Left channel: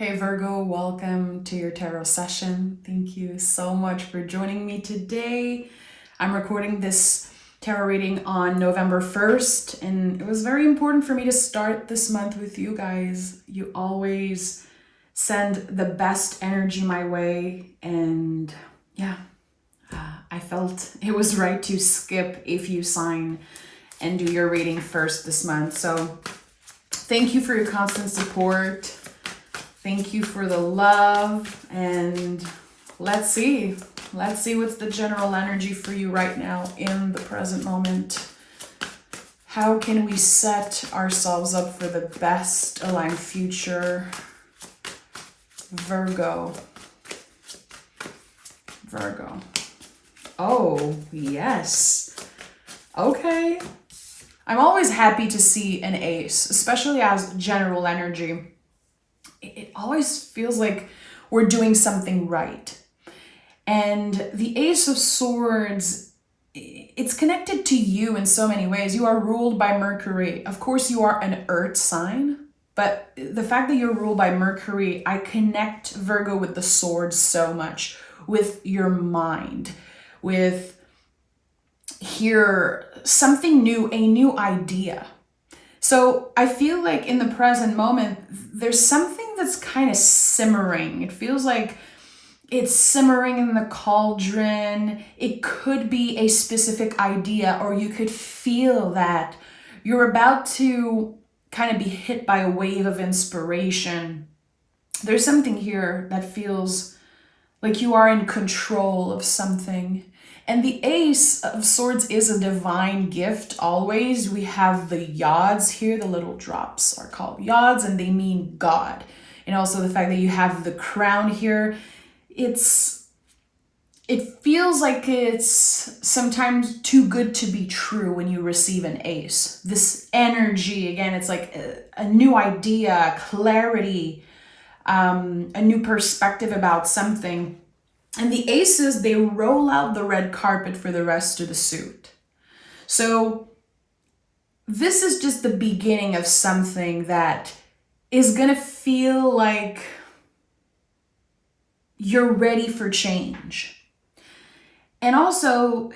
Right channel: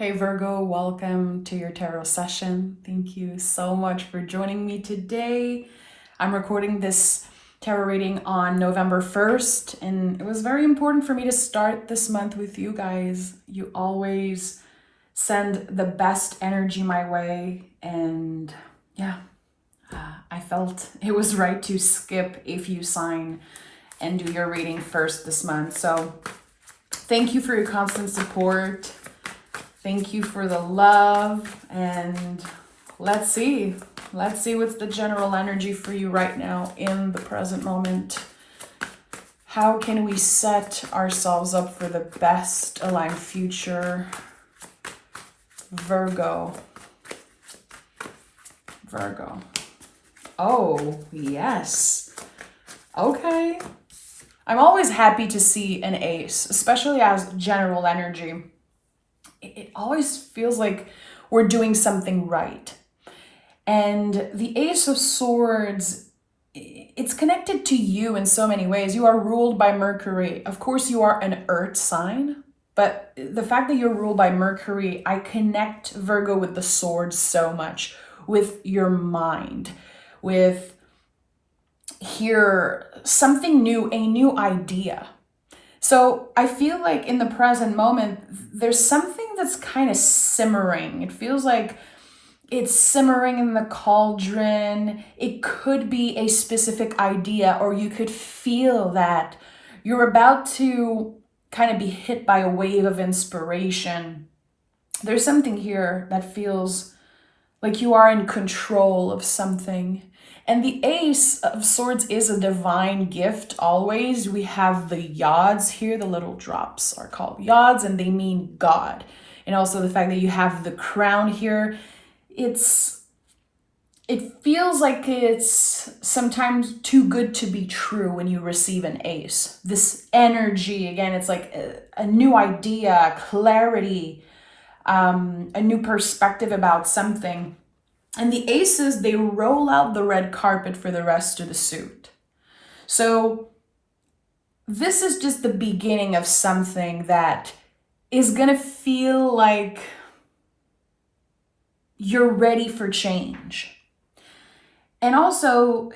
Hey Virgo, welcome to your tarot session. Thank you so much for joining me today. I'm recording this tarot reading on November 1st, and it was very important for me to start this month with you guys. You always send the best energy my way, and I felt it was right to skip a few signs and do your reading first this month. So thank you for your constant support. Thank you for the love, and let's see what's the general energy for you right now in the present moment. How can we set ourselves up for the best aligned future? Virgo. Oh, yes. Okay. I'm always happy to see an ace, especially as general energy. It always feels like we're doing something right. And the Ace of Swords, it's connected to you in so many ways. You are ruled by Mercury. Of course, you are an earth sign, but the fact that you're ruled by Mercury, I connect Virgo with the sword so much, with your mind, with here, something new, a new idea. So I feel like in the present moment, there's something that's kind of simmering. It feels like it's simmering in the cauldron. It could be a specific idea, or you could feel that you're about to kind of be hit by a wave of inspiration. There's something here that feels like you are in control of something. And the Ace of Swords is a divine gift always. We have the yods here, the little drops are called yods, and they mean God. And also the fact that you have the crown here, it feels like it's sometimes too good to be true when you receive an ace. This energy, again, it's like a new idea, clarity, a new perspective about something. And the aces, they roll out the red carpet for the rest of the suit. So this is just the beginning of something that is going to feel like you're ready for change. And also,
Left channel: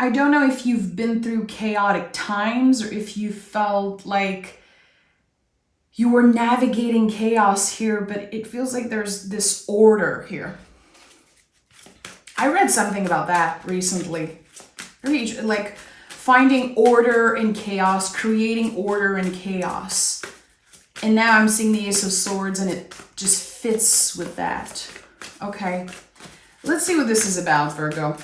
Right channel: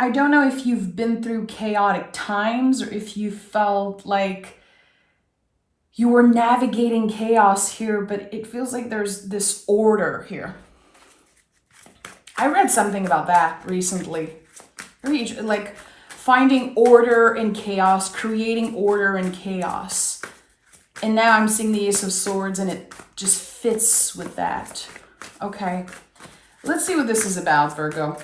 I don't know if you've been through chaotic times or if you felt like you were navigating chaos here, but it feels like there's this order here. I read something about that recently. Like finding order in chaos, creating order in chaos. And now I'm seeing the Ace of Swords and it just fits with that. Okay, let's see what this is about, Virgo.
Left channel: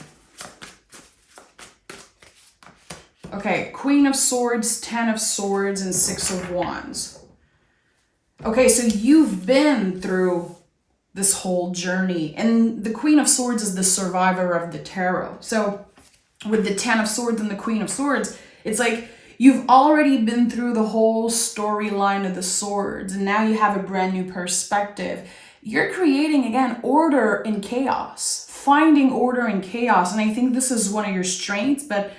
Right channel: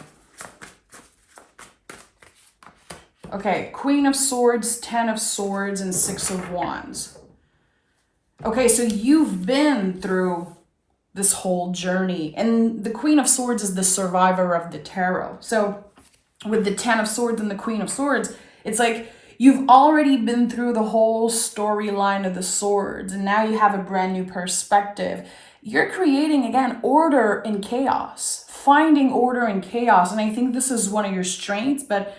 Okay, Queen of Swords, 10 of Swords, and 6 of Wands. Okay, so you've been through this whole journey. And the Queen of Swords is the survivor of the tarot. So with the 10 of Swords and the Queen of Swords, it's like you've already been through the whole storyline of the swords, and now you have a brand new perspective. You're creating, again, order in chaos, finding order in chaos. And I think this is one of your strengths, but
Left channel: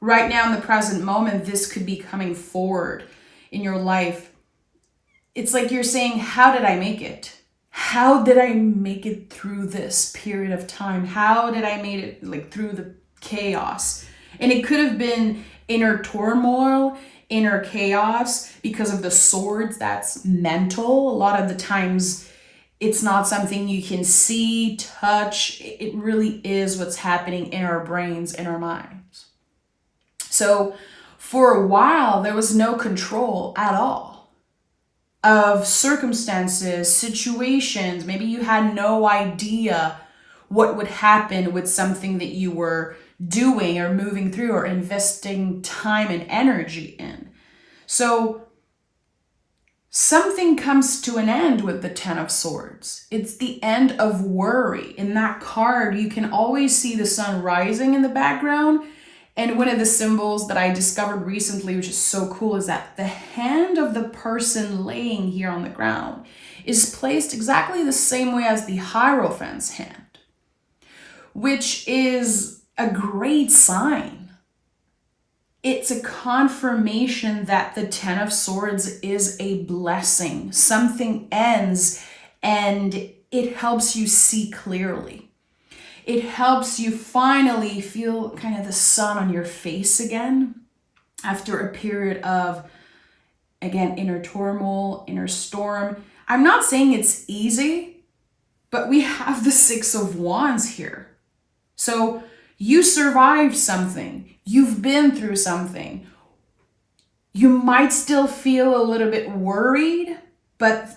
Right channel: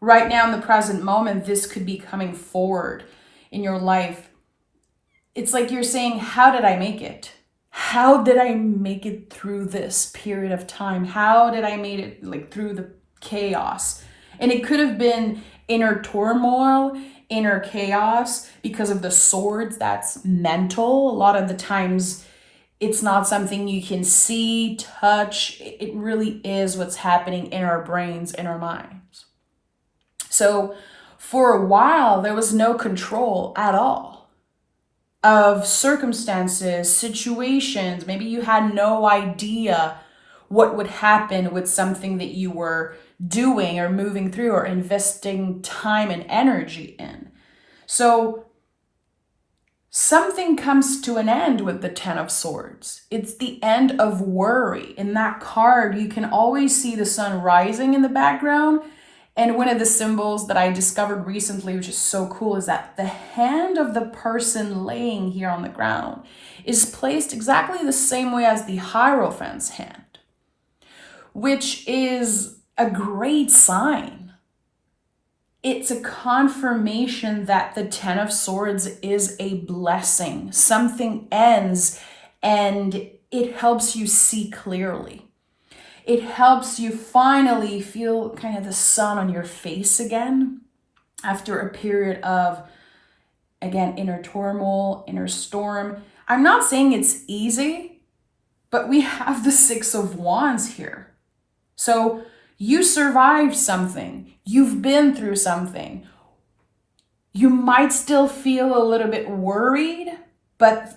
right now in the present moment, this could be coming forward in your life. It's like you're saying, how did I make it? How did I make it through this period of time? How did I make it like through the chaos? And it could have been inner turmoil, inner chaos because of the swords. That's mental. A lot of the times it's not something you can see, touch. It really is what's happening in our brains, in our minds. So for a while, there was no control at all of circumstances, situations. Maybe you had no idea what would happen with something that you were doing or moving through or investing time and energy in. So something comes to an end with the 10 of Swords. It's the end of worry. In that card, you can always see the sun rising in the background. And one of the symbols that I discovered recently, which is so cool, is that the hand of the person laying here on the ground is placed exactly the same way as the Hierophant's hand, which is a great sign. it's a confirmation that the Ten of Swords is a blessing. Something ends and it helps you see clearly. It helps you finally feel kind of the sun on your face again after a period of, again, inner turmoil, inner storm. I'm not saying it's easy, but we have the Six of Wands here. So you survived something. You've been through something. You might still feel a little bit worried, but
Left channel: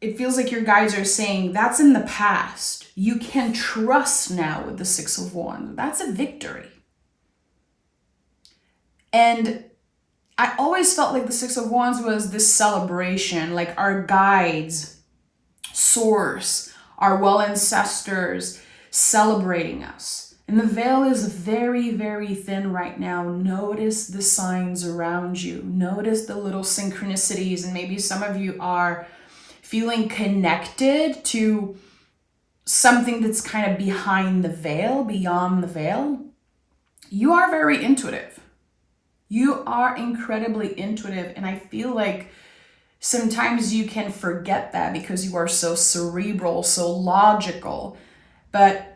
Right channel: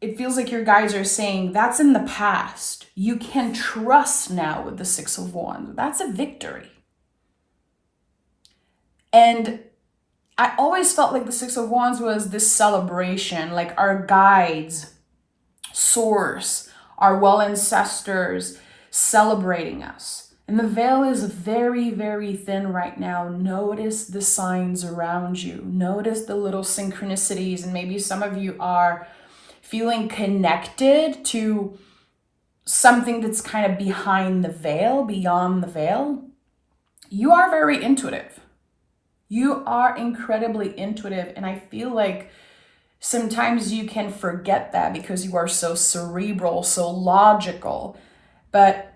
it feels like your guides are saying that's in the past. You can trust now with the Six of Wands. That's a victory. And I always felt like the Six of Wands was this celebration, like our guides, source, our well ancestors celebrating us. And the veil is very, very thin right now. Notice the signs around you. Notice the little synchronicities. And maybe some of you are feeling connected to something that's kind of behind the veil, beyond the veil. You are very intuitive. You are incredibly intuitive. And I feel like sometimes you can forget that because you are so cerebral, so logical. But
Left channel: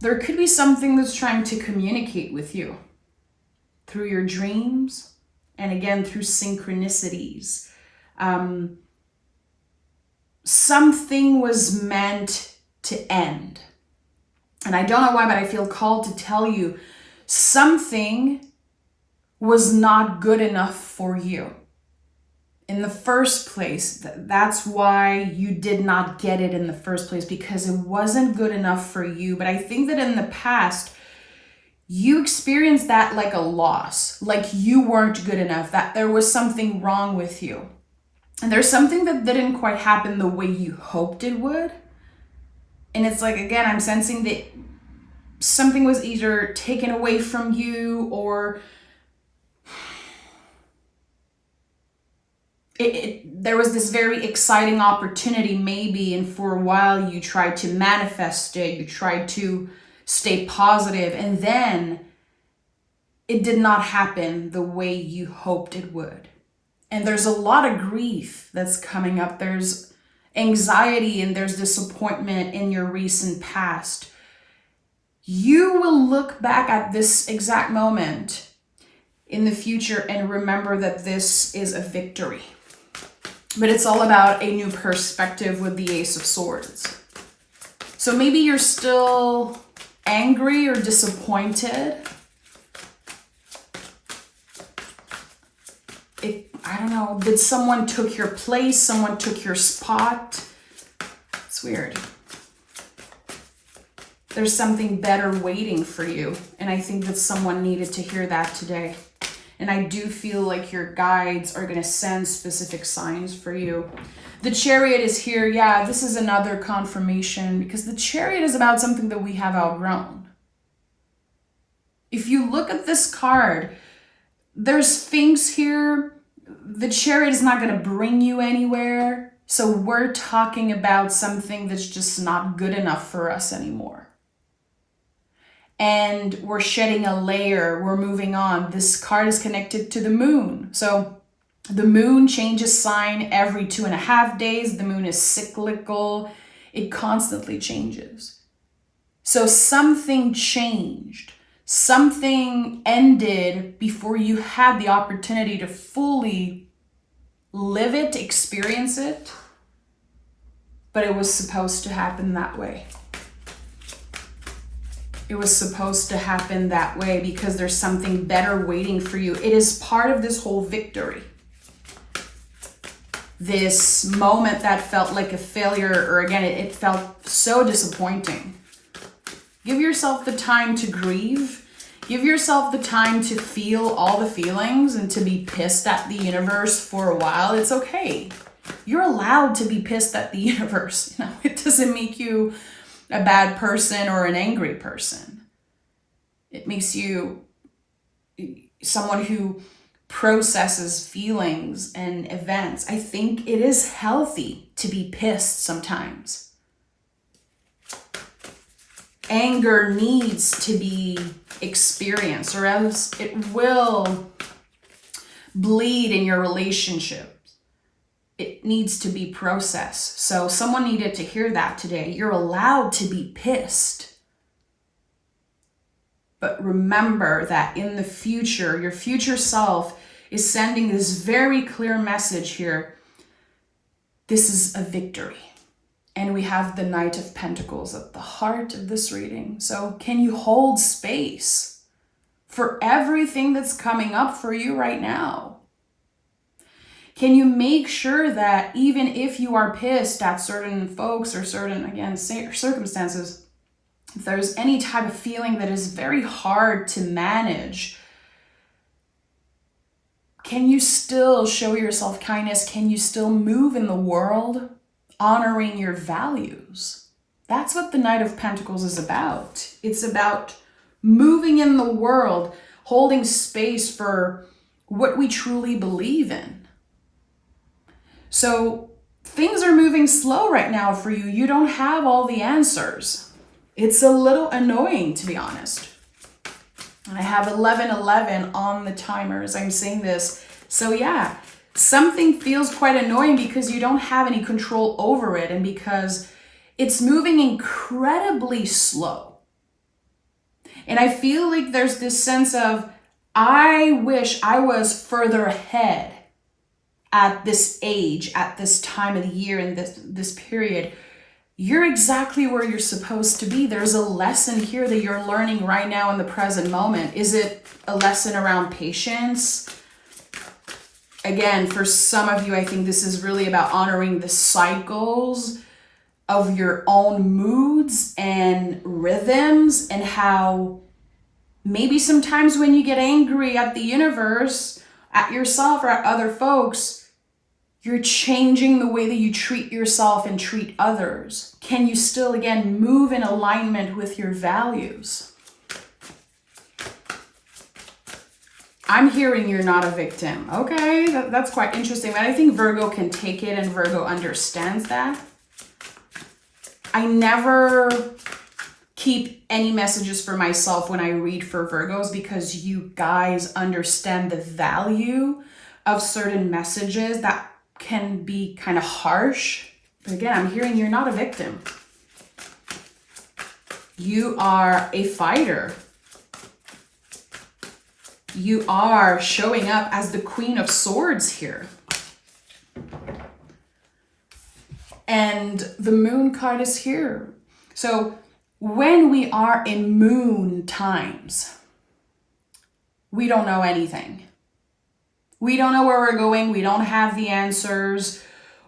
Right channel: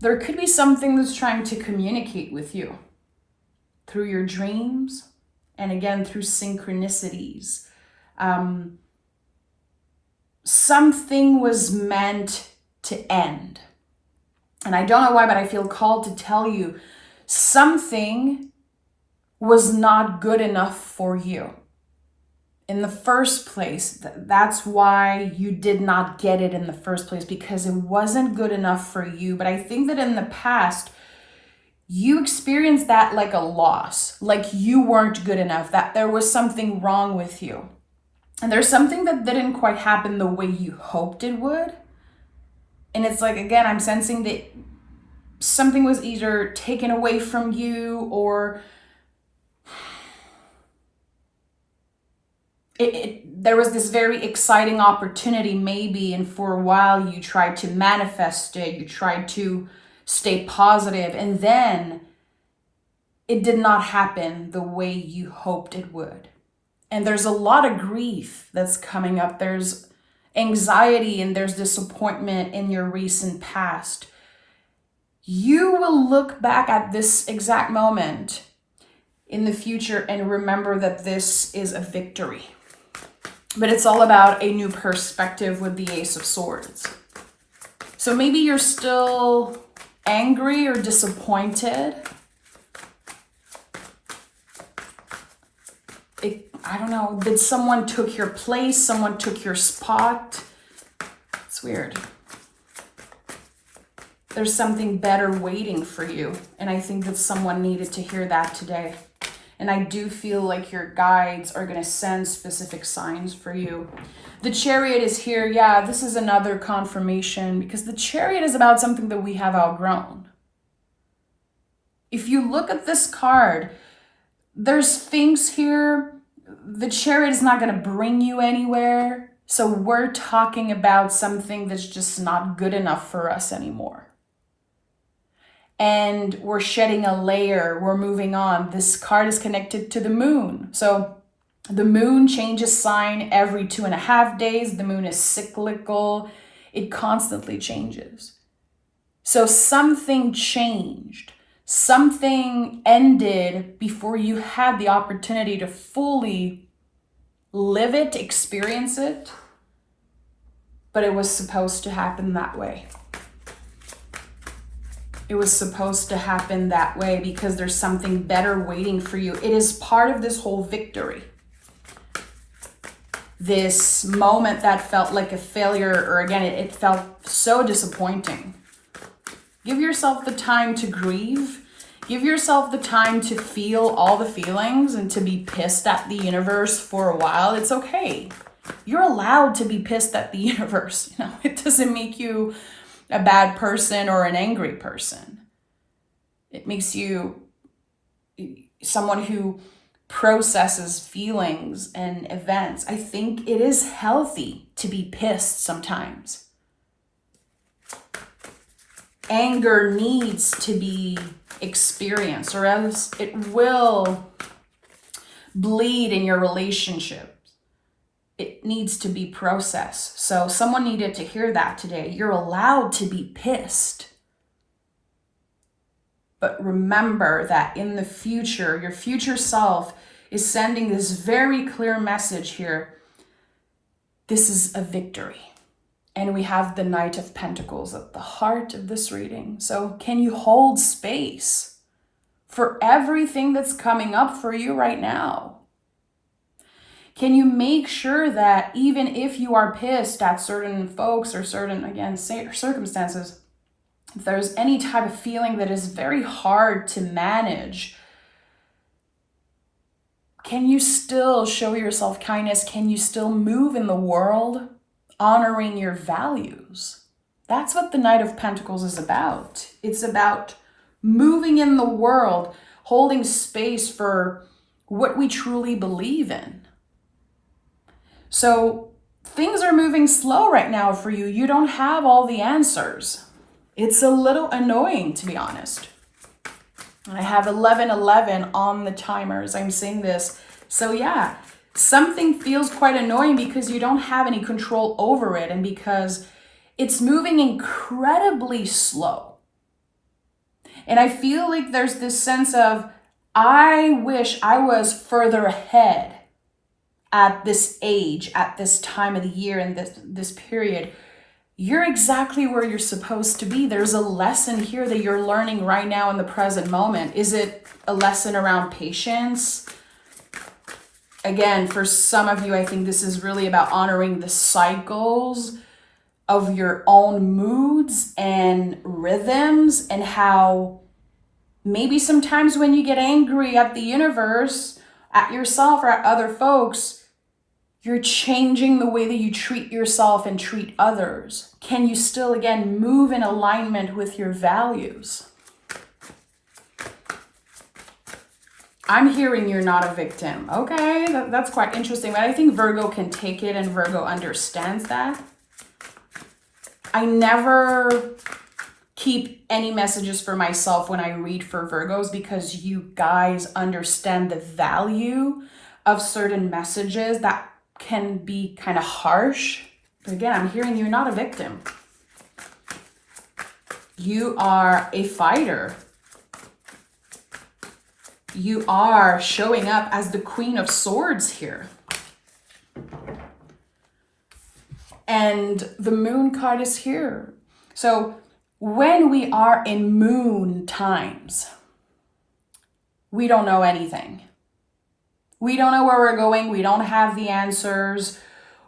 there could be something that's trying to communicate with you through your dreams and again through synchronicities. Something was meant to end. And I don't know why, but I feel called to tell you something was not good enough for you. In the first place, that's why you did not get it in the first place, because it wasn't good enough for you. But I think that in the past, you experienced that like a loss, like you weren't good enough, that there was something wrong with you. And there's something that didn't quite happen the way you hoped it would. And it's like, again, I'm sensing that something was either taken away from you or there was this very exciting opportunity maybe, and for a while you tried to manifest it, you tried to stay positive, and then it did not happen the way you hoped it would. And there's a lot of grief that's coming up. There's anxiety and there's disappointment in your recent past. You will look back at this exact moment in the future and remember that this is a victory. But it's all about a new perspective with the Ace of Swords. So maybe you're still angry or disappointed. I don't know, did someone took your place? Someone took your spot? It's weird. There's something better waiting for you. And I think that someone needed to hear that today. And I do feel like your guides are going to send specific signs for you. The Chariot is here. Yeah, this is another confirmation because the Chariot is about something that we have outgrown. If you look at this card, there's things here. The Chariot is not going to bring you anywhere. So we're talking about something that's just not good enough for us anymore. And we're shedding a layer, we're moving on. This card is connected to the moon. So the moon changes sign every 2.5 days. The moon is cyclical. It constantly changes. So something changed. Something ended before you had the opportunity to fully live it, experience it. But it was supposed to happen that way. It was supposed to happen that way because there's something better waiting for you. It is part of this whole victory. This moment that felt like a failure, or again, it felt so disappointing. Give yourself the time to grieve. Give yourself the time to feel all the feelings and to be pissed at the universe for a while. It's okay. You're allowed to be pissed at the universe. It doesn't make you a bad person or an angry person. It makes you someone who processes feelings and events. I think it is healthy to be pissed sometimes. anger needs to be experienced, or else it will bleed in your relationship. It needs to be processed. So someone needed to hear that today. You're allowed to be pissed. But remember that in the future, your future self is sending this very clear message here. This is a victory. And we have the Knight of Pentacles at the heart of this reading. So can you hold space for everything that's coming up for you right now? Can you make sure that even if you are pissed at certain folks or certain, again, circumstances, if there's any type of feeling that is very hard to manage, can you still show yourself kindness? Can you still move in the world honoring your values? That's what the Knight of Pentacles is about. It's about moving in the world, holding space for what we truly believe in. So things are moving slow right now for you. You don't have all the answers. It's a little annoying, to be honest. I have 11:11 on the timer as I'm saying this. So yeah, something feels quite annoying because you don't have any control over it and because it's moving incredibly slow. And I feel like there's this sense of, I wish I was further ahead at this age, at this time of the year, in this period. You're exactly where you're supposed to be. There's a lesson here that you're learning right now in the present moment. Is it a lesson around patience? Again, for some of you, I think this is really about honoring the cycles of your own moods and rhythms, and how maybe sometimes when you get angry at the universe, at yourself or at other folks, you're changing the way that you treat yourself and treat others. Can you still, again, move in alignment with your values? I'm hearing you're not a victim. Okay, that's quite interesting. But I think Virgo can take it and Virgo understands that. I never keep any messages for myself when I read for Virgos because you guys understand the value of certain messages that can be kind of harsh. But again, I'm hearing you're not a victim. You are a fighter. You are showing up as the Queen of Swords here. And the Moon card is here. So when we are in moon times, we don't know anything. We don't know where we're going. We don't have the answers.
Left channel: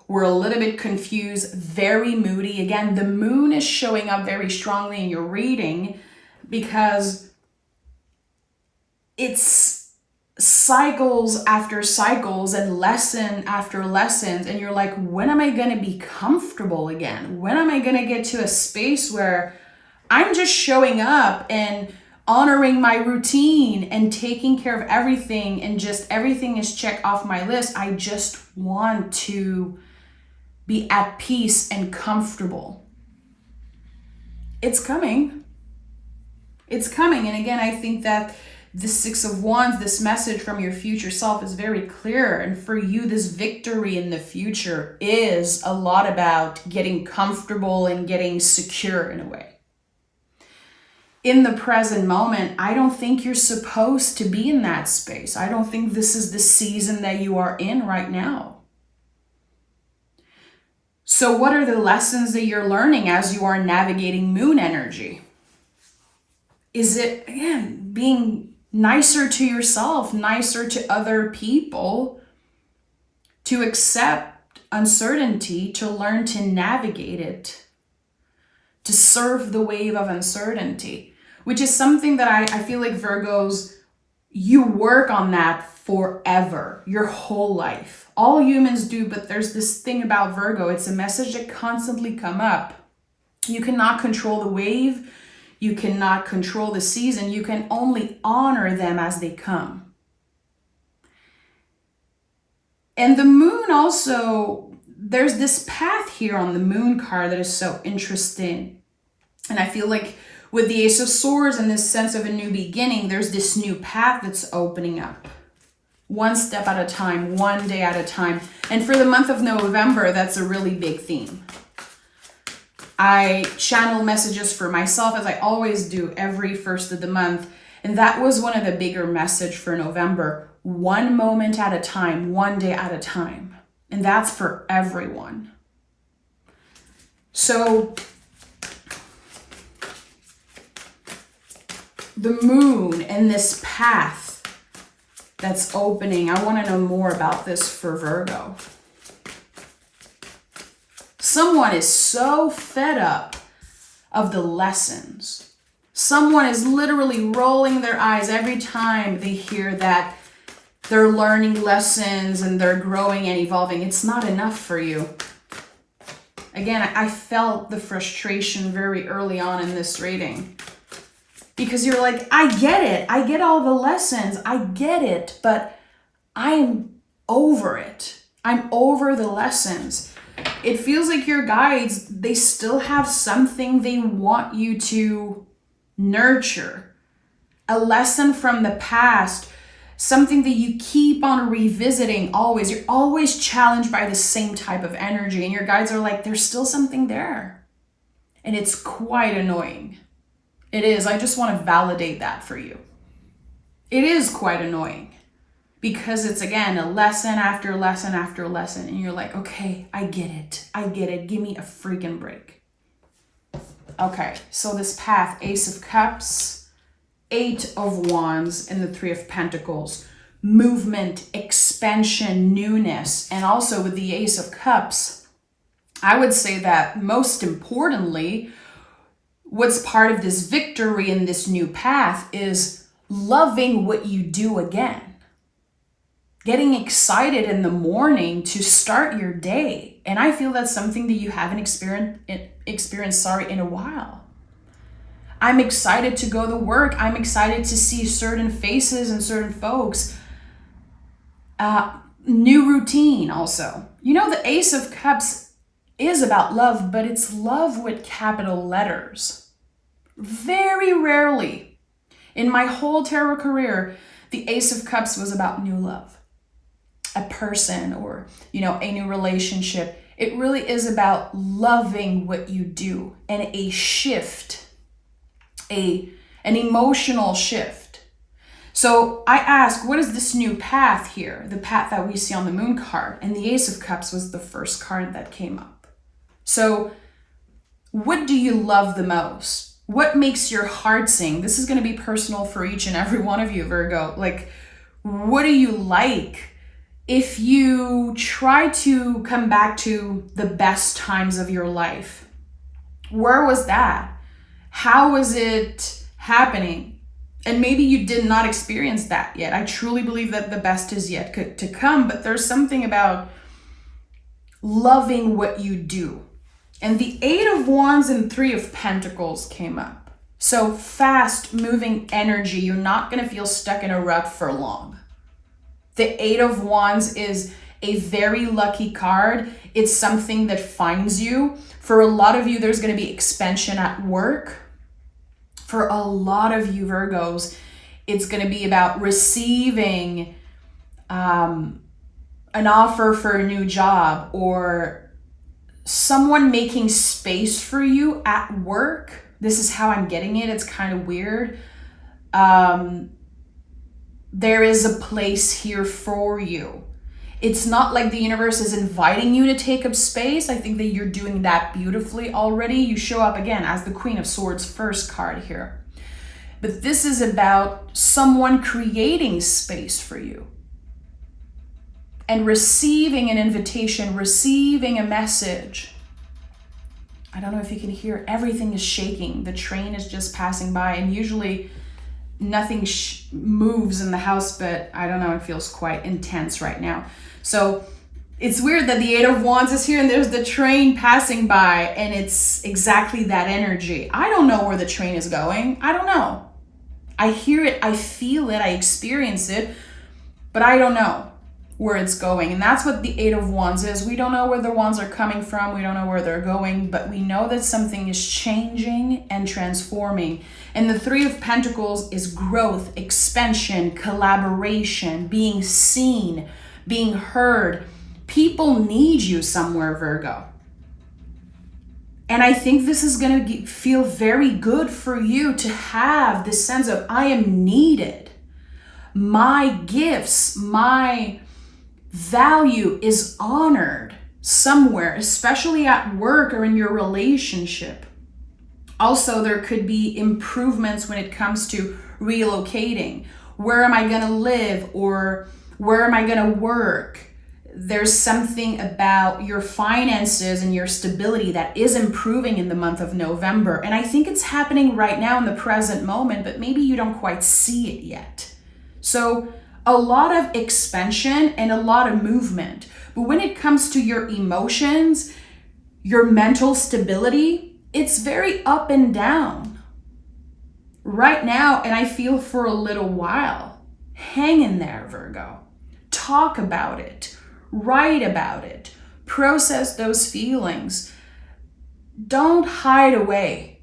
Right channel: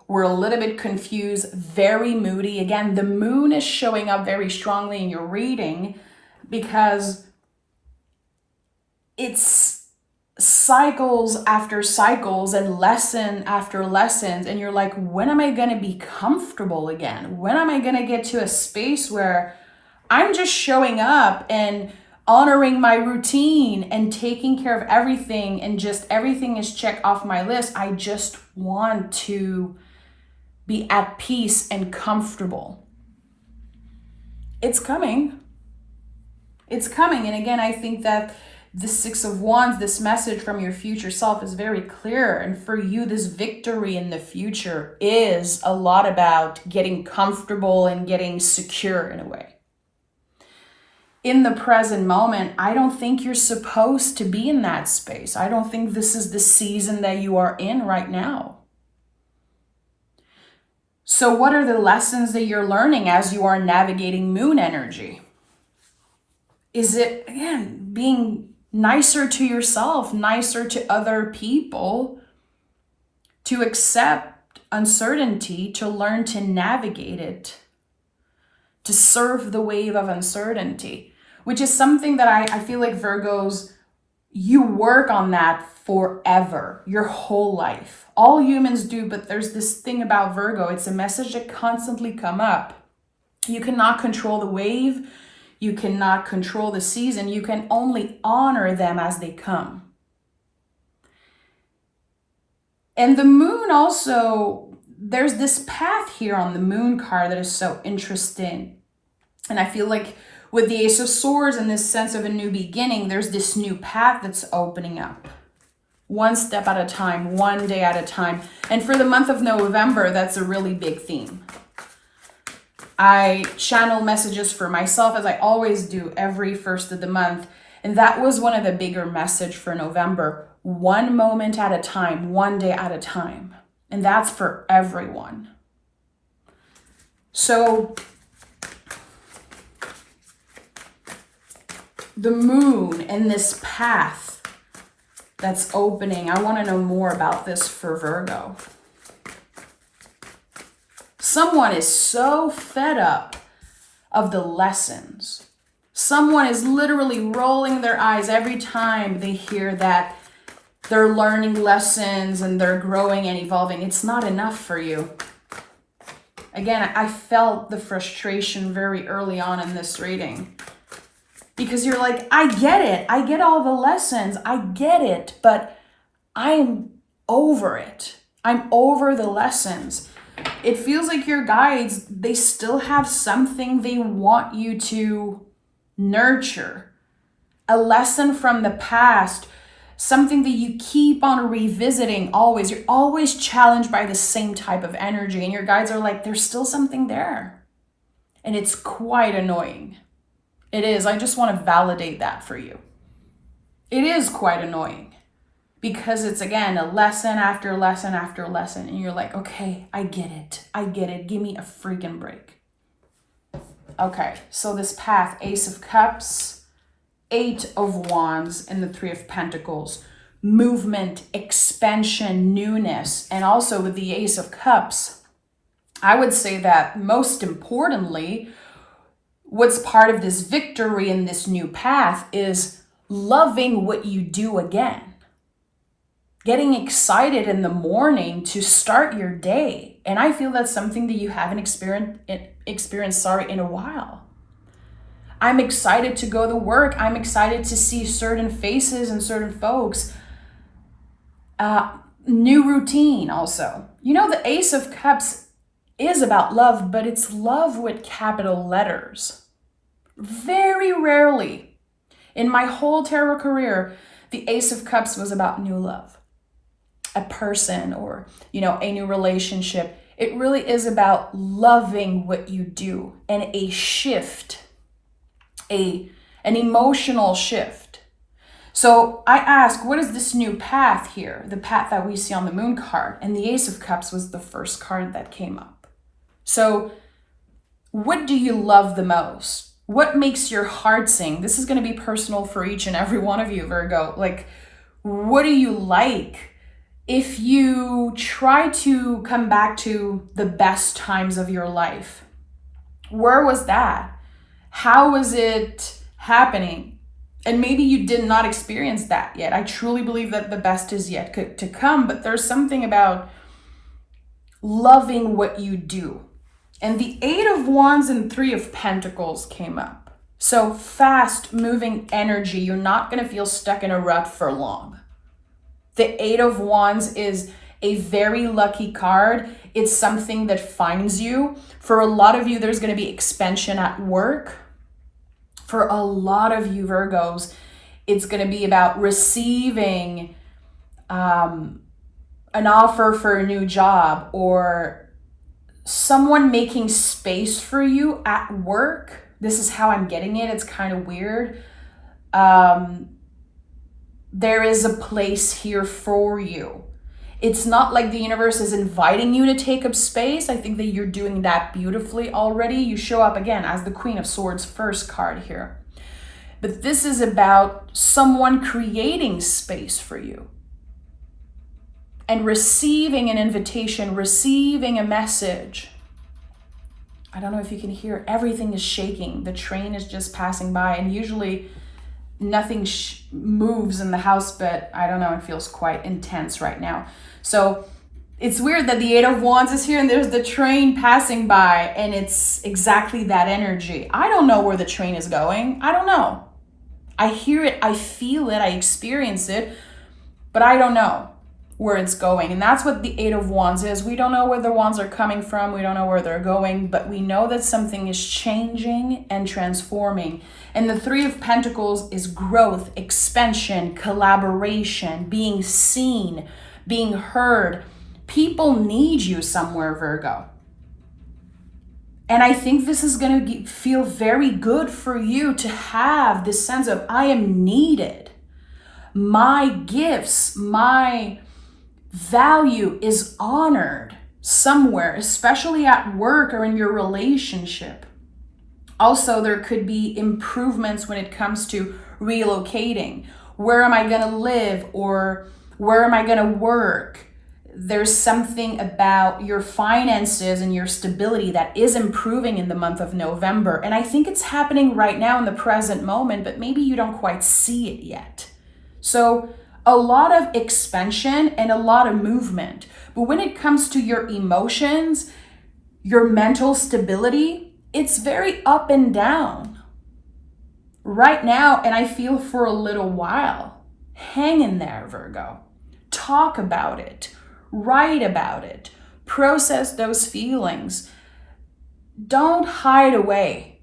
We're a little bit confused, very moody. Again, the moon is showing up very strongly in your reading because it's cycles after cycles and lesson after lessons. And you're like, when am I going to be comfortable again? When am I going to get to a space where I'm just showing up and honoring my routine and taking care of everything and just everything is checked off my list? I just want to be at peace and comfortable. It's coming. It's coming. And again, I think that the Six of Wands, this message from your future self is very clear. And for you, this victory in the future is a lot about getting comfortable and getting secure in a way. In the present moment, I don't think you're supposed to be in that space. I don't think this is the season that you are in right now. So what are the lessons that you're learning as you are navigating moon energy? Is it, again, being nicer to yourself, nicer to other people, to accept uncertainty, to learn to navigate it, to surf the wave of uncertainty, which is something that I feel like Virgos, you work on that forever, your whole life. All humans do, but there's this thing about Virgo. It's a message that constantly come up. You cannot control the wave. You cannot control the season. You can only honor them as they come. And the moon also, there's this path here on the moon card that is so interesting. And I feel like with the Ace of Swords and this sense of a new beginning, there's this new path that's opening up. One step at a time, one day at a time. And for the month of November, that's a really big theme. I channel messages for myself, as I always do every first of the month. And that was one of the bigger message for November. One moment at a time, one day at a time. And that's for everyone. So the moon and this path that's opening. I want to know more about this for Virgo. Someone is so fed up of the lessons. Someone is literally rolling their eyes every time they hear that they're learning lessons and they're growing and evolving. It's not enough for you. Again, I felt the frustration very early on in this reading. Because you're like, I get it. I get all the lessons. I get it. But I'm over it. I'm over the lessons. It feels like your guides, they still have something they want you to nurture. A lesson from the past. Something that you keep on revisiting always. You're always challenged by the same type of energy. And your guides are like, there's still something there. And it's quite annoying. It is. I just want to validate that for you. It is quite annoying because it's, again, a lesson after lesson after lesson. And you're like, okay, I get it. I get it. Give me a freaking break. Okay, so this path, Ace of Cups, Eight of Wands, and the Three of Pentacles. Movement, expansion, newness. And also with the Ace of Cups, I would say that most importantly, what's part of this victory in this new path is loving what you do again. Getting excited in the morning to start your day. And I feel that's something that you haven't experienced in a while. I'm excited to go to work. I'm excited to see certain faces and certain folks. New routine also. You know, the Ace of Cups is about love, but it's love with capital letters. Very rarely in my whole tarot career, the Ace of Cups was about new love, a person, or, a new relationship. It really is about loving what you do and a shift, an emotional shift. So I ask, what is this new path here? The path that we see on the moon card, and the Ace of Cups was the first card that came up. So what do you love the most? What makes your heart sing? This is going to be personal for each and every one of you, Virgo. Like, what do you like? If you try to come back to the best times of your life, where was that? How was it happening? And maybe you did not experience that yet. I truly believe that the best is yet to come, but there's something about loving what you do. And the Eight of Wands and Three of Pentacles came up. So fast moving energy. You're not going to feel stuck in a rut for long. The Eight of Wands is a very lucky card. It's something that finds you. For a lot of you, there's going to be expansion at work. For a lot of you Virgos, it's going to be about receiving an offer for a new job, or someone making space for you at work. This is how I'm getting it. It's kind of weird. There is a place here for you. It's not like the universe is inviting you to take up space. I think that you're doing that beautifully already. You show up again as the Queen of Swords first card here. But this is about someone creating space for you and receiving an invitation, receiving a message. I don't know if you can hear, everything is shaking. The train is just passing by, and usually nothing moves in the house, but I don't know, it feels quite intense right now. So it's weird that the Eight of Wands is here and there's the train passing by, and it's exactly that energy. I don't know where the train is going. I don't know. I hear it, I feel it, I experience it, but I don't know. where it's going. And that's what the Eight of Wands is. We don't know where the wands are coming from. We don't know where they're going, but we know that something is changing and transforming. And the Three of Pentacles is growth, expansion, collaboration, being seen, being heard. People need you somewhere, Virgo. And I think this is going to feel very good for you to have this sense of, I am needed. My gifts, my value is honored somewhere, especially at work or in your relationship. Also, there could be improvements when it comes to relocating. Where am I going to live, or where am I going to work? There's something about your finances and your stability that is improving in the month of November. And I think it's happening right now in the present moment, but maybe you don't quite see it yet. So a lot of expansion and a lot of movement. But when it comes to your emotions, your mental stability, it's very up and down right now. And I feel for a little while. Hang in there, Virgo. Talk about it. Write about it. Process those feelings. Don't hide away.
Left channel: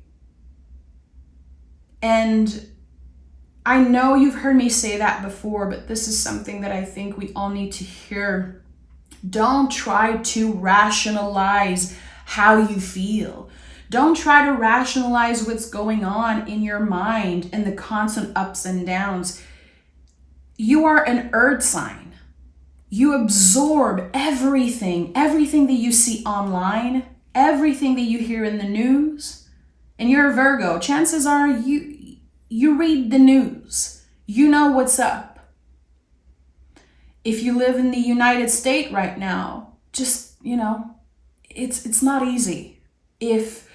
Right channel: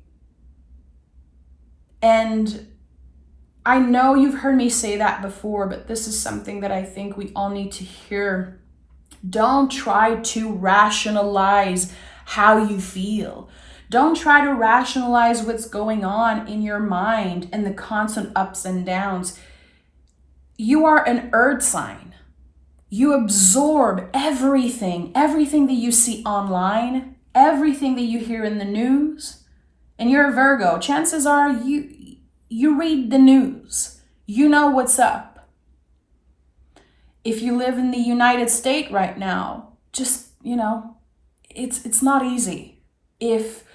And I know you've heard me say that before, but this is something that I think we all need to hear. Don't try to rationalize how you feel. Don't try to rationalize what's going on in your mind and the constant ups and downs. You are an earth sign. You absorb everything that you see online, everything that you hear in the news. And you're a Virgo. Chances are you read the news. You know what's up. If you live in the United States right now, just, it's not easy. If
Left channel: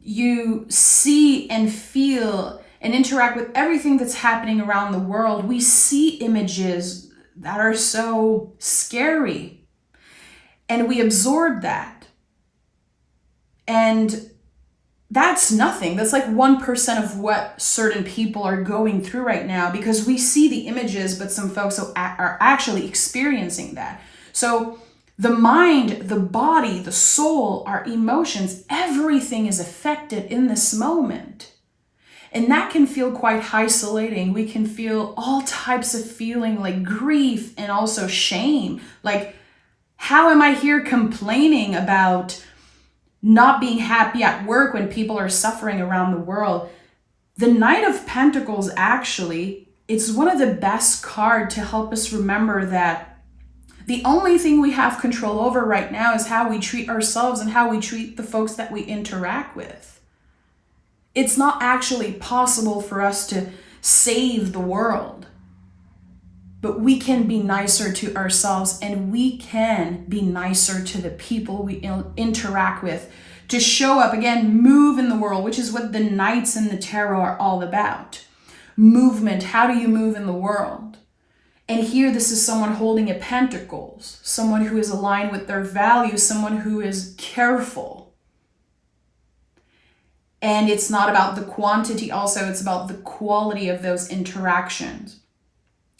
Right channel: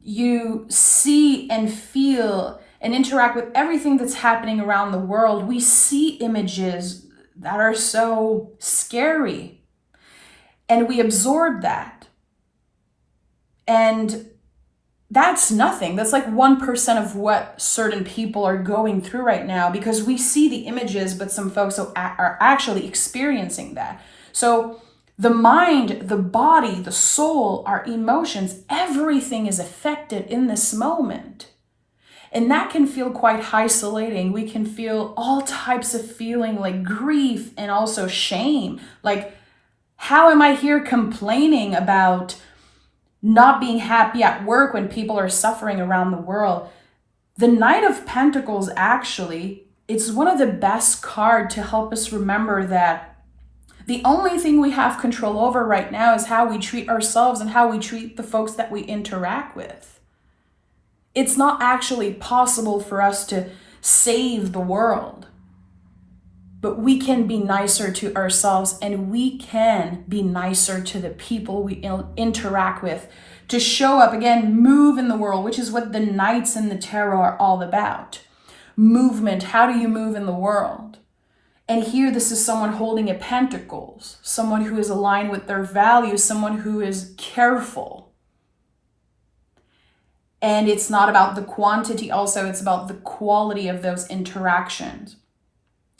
you see and feel and interact with everything that's happening around the world, we see images that are so scary. And we absorb that. And that's nothing. That's like 1% of what certain people are going through right now, because we see the images, but some folks are actually experiencing that. So the mind, the body, the soul, our emotions, everything is affected in this moment. And that can feel quite isolating. We can feel all types of feeling, like grief and also shame. Like, how am I here complaining about not being happy at work when people are suffering around the world? The Knight of Pentacles, actually, it's one of the best cards to help us remember that the only thing we have control over right now is how we treat ourselves and how we treat the folks that we interact with. It's not actually possible for us to save the world, but we can be nicer to ourselves, and we can be nicer to the people we interact with, to show up, again, move in the world, which is what the Knights and the Tarot are all about. Movement. How do you move in the world? And here, this is someone holding a Pentacles, someone who is aligned with their values, someone who is careful. And it's not about the quantity also, it's about the quality of those interactions.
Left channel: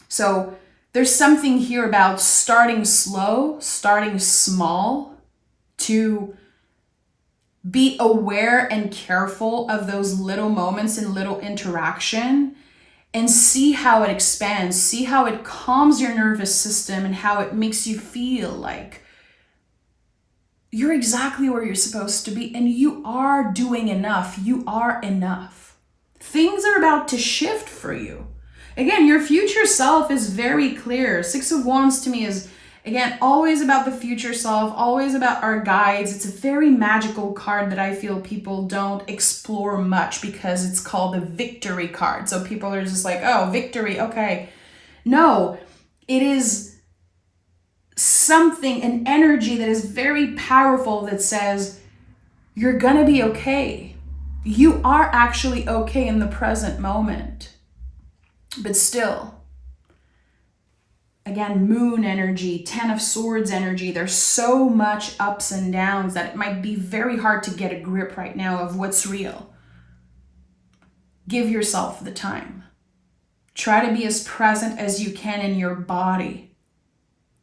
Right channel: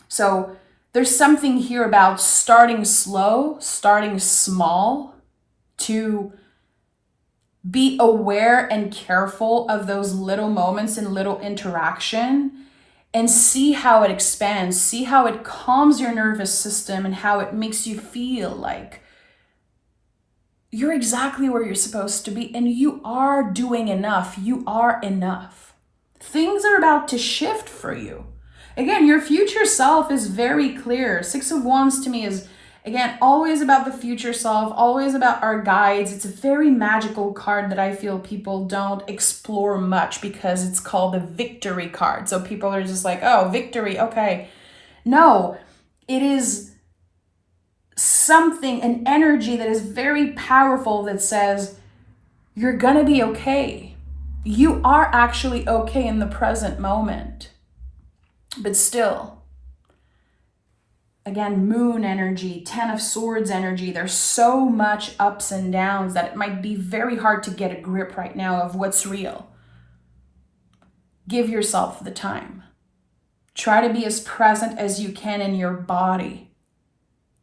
So there's something here about starting slow, starting small, to be aware and careful of those little moments and little interaction, and see how it expands, see how it calms your nervous system and how it makes you feel like you're exactly where you're supposed to be, and you are doing enough. You are enough. Things are about to shift for you. Again, your future self is very clear. Six of Wands to me is, again, always about the future self, always about our guides. It's a very magical card that I feel people don't explore much because it's called the victory card. So people are just like, oh, victory, okay. No, it is something, an energy that is very powerful that says, you're gonna be okay. You are actually okay in the present moment. But still, again, moon energy, 10 of Swords energy, there's so much ups and downs that it might be very hard to get a grip right now of what's real. Give yourself the time. Try to be as present as you can in your body.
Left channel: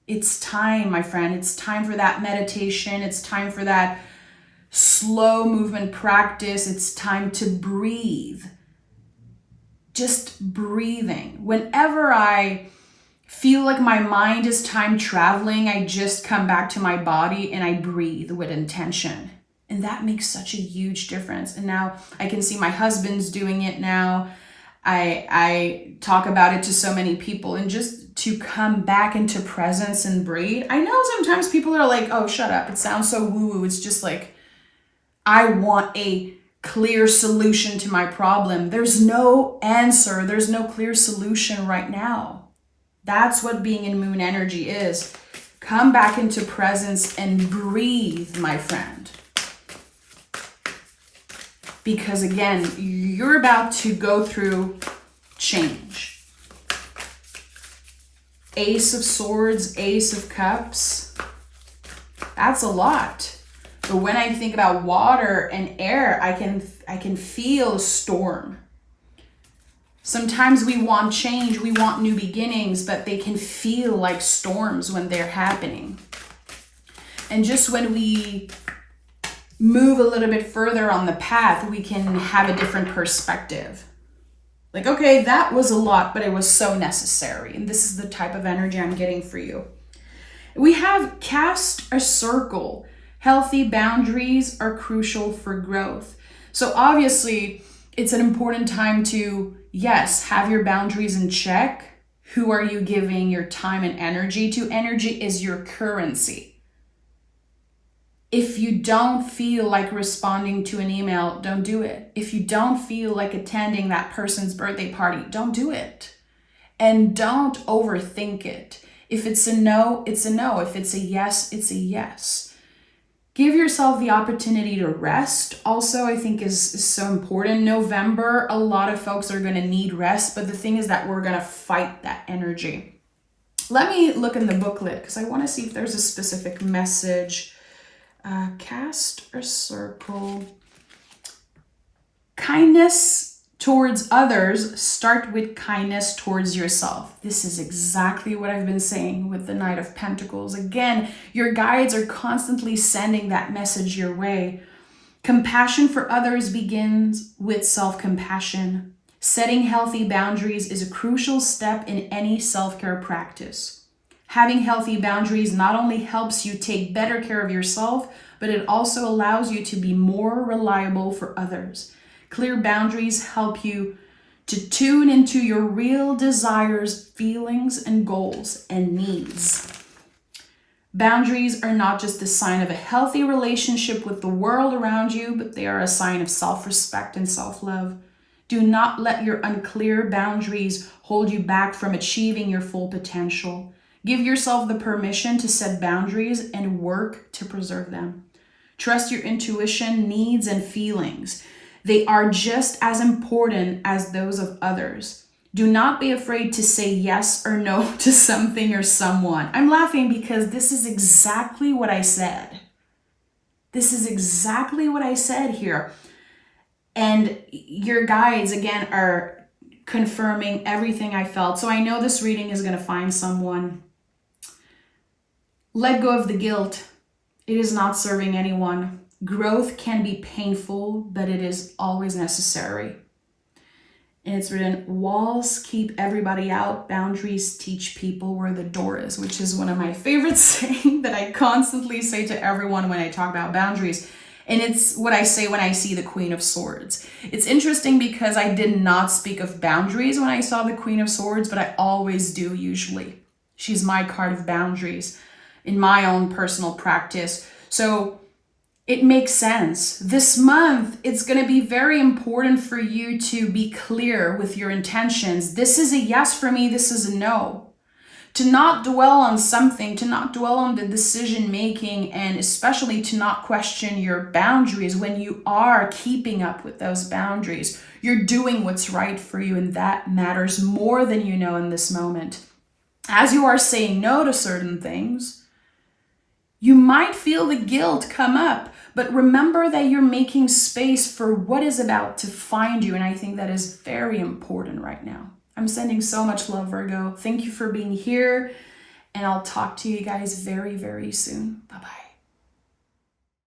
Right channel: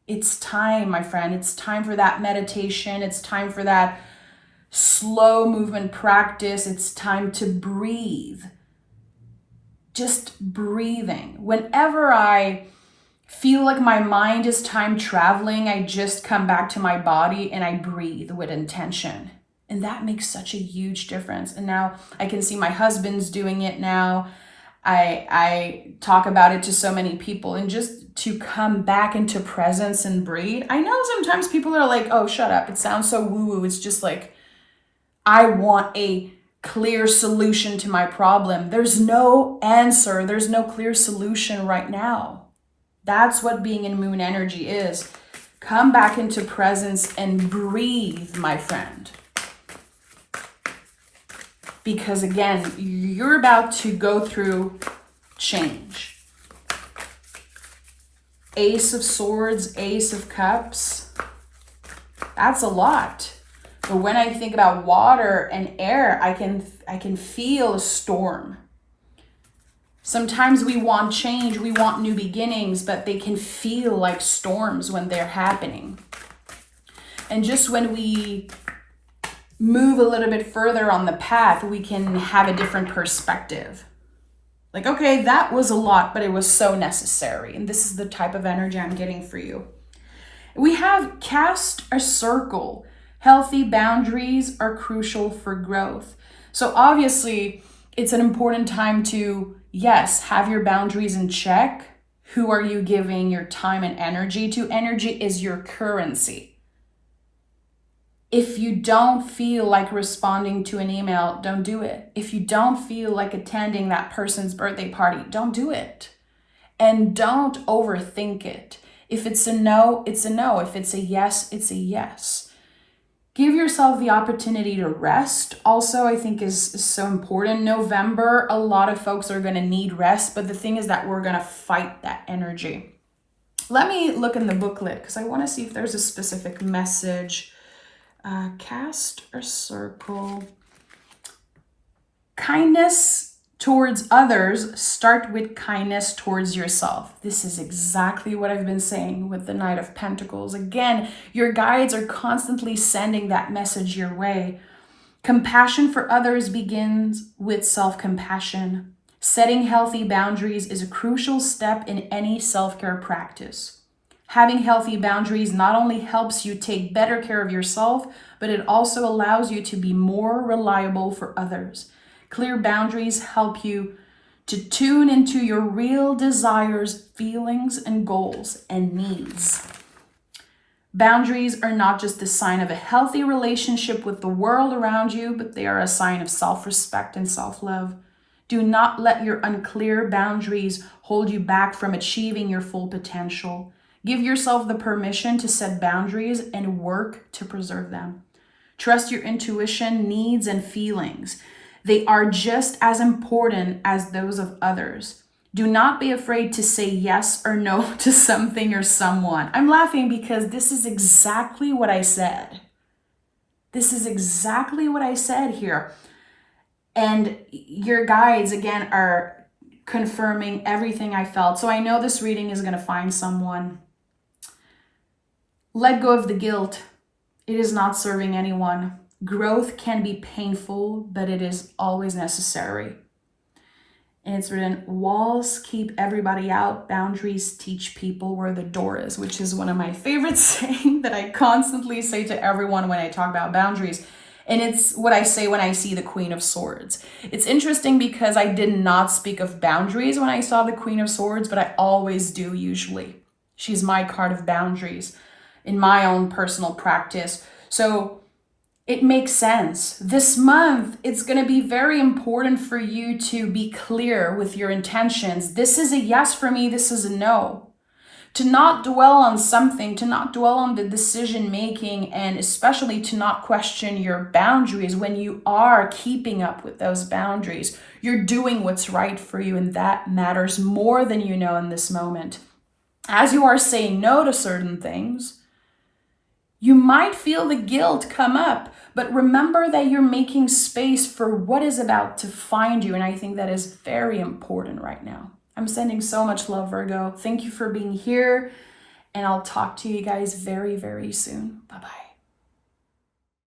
It's time, my friend. It's time for that meditation. It's time for that slow movement practice. It's time to breathe. Just breathing. Whenever I feel like my mind is time traveling, I just come back to my body and I breathe with intention. And that makes such a huge difference. And now I can see my husband's doing it now. I talk about it to so many people, and just to come back into presence and breathe. I know sometimes people are like, oh, shut up. It sounds so woo-woo. It's just like, I want a clear solution to my problem. There's no answer. There's no clear solution right now. That's what being in moon energy is. Come back into presence and breathe, my friend. Because again, you're about to go through change. Ace of Swords, Ace of Cups. That's a lot. But when I think about water and air, I can feel a storm. Sometimes we want change, we want new beginnings, but they can feel like storms when they're happening. And just when we move a little bit further on the path, we can have a different perspective. Like, okay, that was a lot, but it was so necessary. And this is the type of energy I'm getting for you. We have cast a circle. Healthy boundaries are crucial for growth. So obviously, it's an important time to, yes, have your boundaries in check. Who are you giving your time and energy to? Energy is your currency. If you don't feel like responding to an email, don't do it. If you don't feel like attending that person's birthday party, don't do it. And don't overthink it. If it's a no, it's a no. If it's a yes, it's a yes. Give yourself the opportunity to rest. Also, I think is so important. November, a lot of folks are going to need rest, but the thing is that we're going to fight that energy. Let me look in the booklet because I want to see if there's a specific message. Cast a circle. Kindness towards others, start with kindness towards yourself. This is exactly what I've been saying with the Knight of Pentacles. Again, your guides are constantly sending that message your way. Compassion for others begins with self-compassion. Setting healthy boundaries is a crucial step in any self-care practice. Having healthy boundaries not only helps you take better care of yourself, but it also allows you to be more reliable for others. Clear boundaries help you to tune into your real desires, feelings, and goals and needs. Boundaries are not just a sign of a healthy relationship with the world around you, but they are a sign of self-respect and self-love. Do not let your unclear boundaries hold you back from achieving your full potential. Give yourself the permission to set boundaries and work to preserve them. Trust your intuition, needs, and feelings. They are just as important as those of others. Do not be afraid to say yes or no to something or someone. I'm laughing because this is exactly what I said. This is exactly what I said here. And your guides, again, are confirming everything I felt. So I know this reading is going to find someone. Let go of the guilt. It is not serving anyone. Growth can be painful, but it is always necessary. And it's written, walls keep everybody out. Boundaries teach people where the door is, which is one of my favorite sayings that I constantly say to everyone when I talk about boundaries. And it's what I say when I see the Queen of Swords. It's interesting because I did not speak of boundaries when I saw the Queen of Swords, but I always do usually. She's my card of boundaries in my own personal practice. So it makes sense. This month, it's going to be very important for you to be clear with your intentions. This is a yes for me. This is a no. To not dwell on something, to not dwell on the decision making, and especially to not question your boundaries when you are keeping up with those boundaries. You're doing what's right for you, and that matters more than you know in this moment. As you are saying no to certain things, you might feel the guilt come up, but remember that you're making space for what is about to find you. And I think that is very important right now. I'm sending so much love, Virgo. Thank you for being here. And I'll talk to you guys very, very soon. Bye-bye.